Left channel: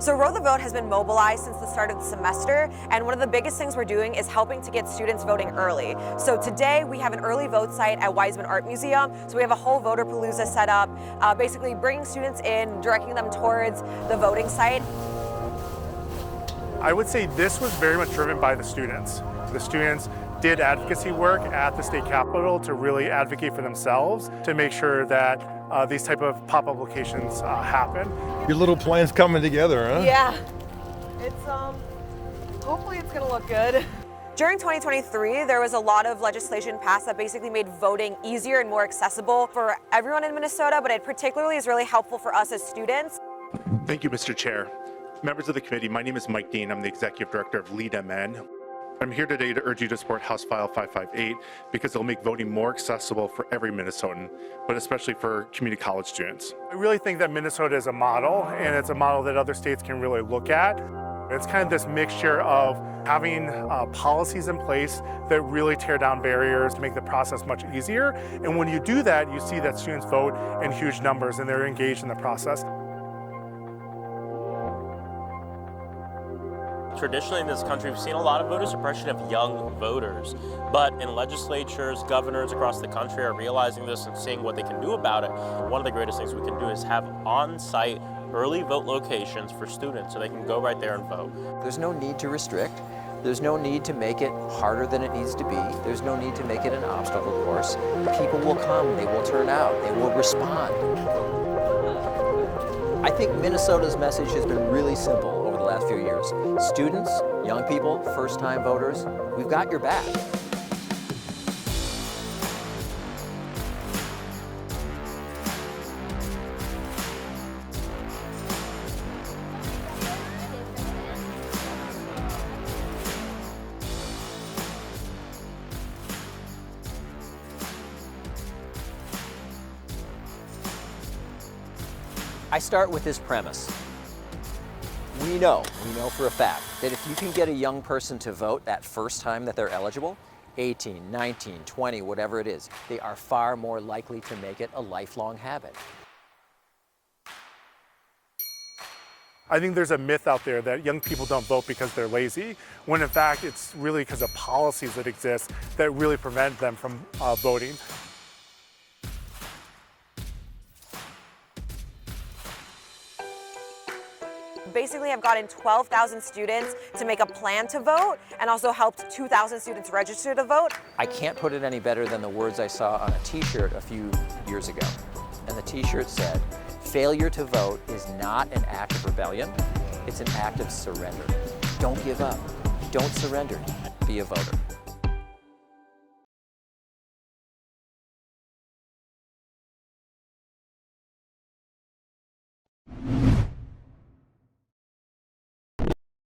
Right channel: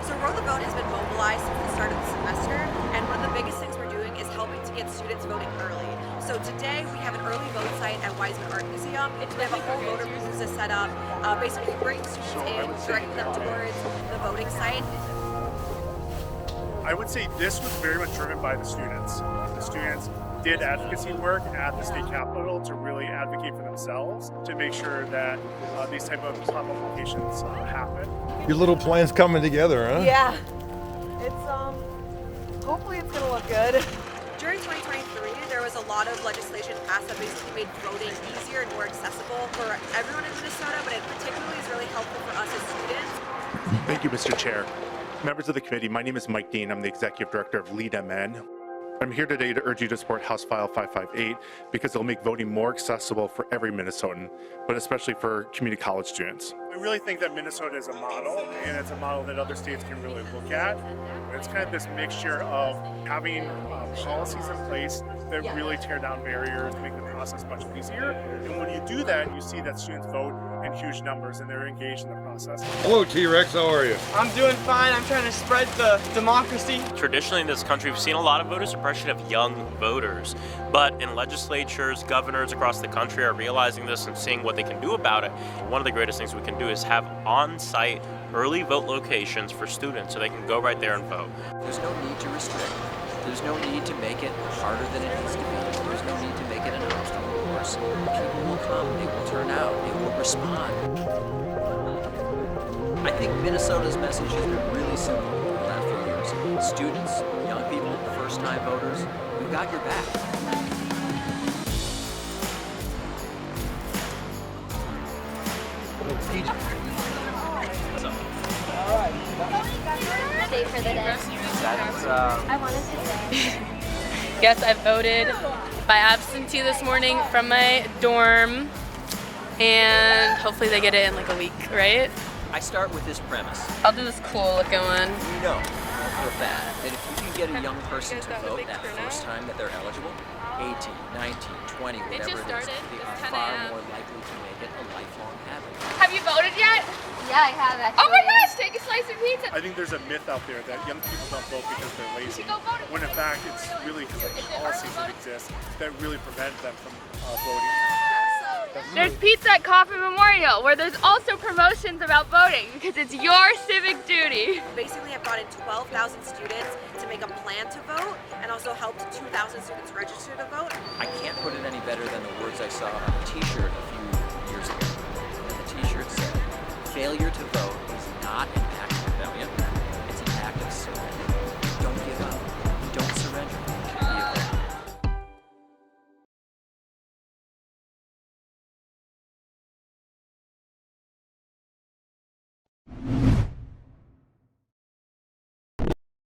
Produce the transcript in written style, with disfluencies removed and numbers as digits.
So Row the Vote has been mobilized since the start of the semester, and one of the biggest things we're doing is helping to get students voting early. So today we have an early vote site at Weisman Art Museum. So we have a whole voter palooza set up, basically bringing students in, directing them towards the voting site. I would say this was very much driven by the students. The students did advocacy work at the state capitol to really advocate for themselves to make sure that these type of pop-up locations happen. Your little plan's coming together, huh? Yeah, it's hopefully it's gonna look good. During 2023, there was a lot of legislation passed that basically made voting easier and more accessible for everyone in Minnesota, but it particularly is really helpful for us as students. Thank you, Mr. Chair. Members of the committee, my name is Mike Dean. I'm the Executive Director of Lead MN. I'm here today to urge you to support House File 558 because it'll make voting more accessible for every Minnesotan, but especially for community college students. I really think that Minnesota is a model, and it's a model that other states can really look at. It's kind of this mixture of having policies in place that really tear down barriers, make the process much easier. And when you do that, you see that students vote in huge numbers and they're engaged in the process. Hello, T-Rex, how are you? I'm doing fine. I'm trying to spread the democracy. Traditionally in this country, we've seen a lot of voter suppression of young voters, but in legislatures, governors across the country are realizing this and seeing what they can do about it. One of the greatest things we can do is have on-site early vote locations for students so they can go right there and vote. There's no need to restrict. There's no need to make it harder than it needs to be. There's no need to make it an obstacle course. People will come, they will turn out, they will respond. I think Minnesota's message has been really simple over the last few years. Students, young people, first-time voters, we've got your back. Yes, I voted by absentee this morning from my dorm, and hopefully they get it in like a week, right? I start with this premise. I'll do this cool looking one. You know for a fact that if you can get a young person to vote that first time that they're eligible, 18, 19, 20, whatever it is, they are far more likely to make it a lifelong habit. Have you voted yet? Yeah, I have actually. Oh my gosh, take a slice of pizza. I think there's a myth out there that young people don't vote because they're lazy, when in fact it's really because of policies that exist that really prevent them from voting. There's pizza at Coffee Memorial, where there's also promotions about voting, because it's your civic duty. Basically, I've gotten 12,000 students to make a plan to vote and also helped 2,000 students register to vote. I can't put it any better than the words I saw on a t-shirt a few years ago. And the t-shirt said, "Failure to vote is not an act of rebellion, it's an act of surrender. Don't give up. Don't surrender. Be a voter."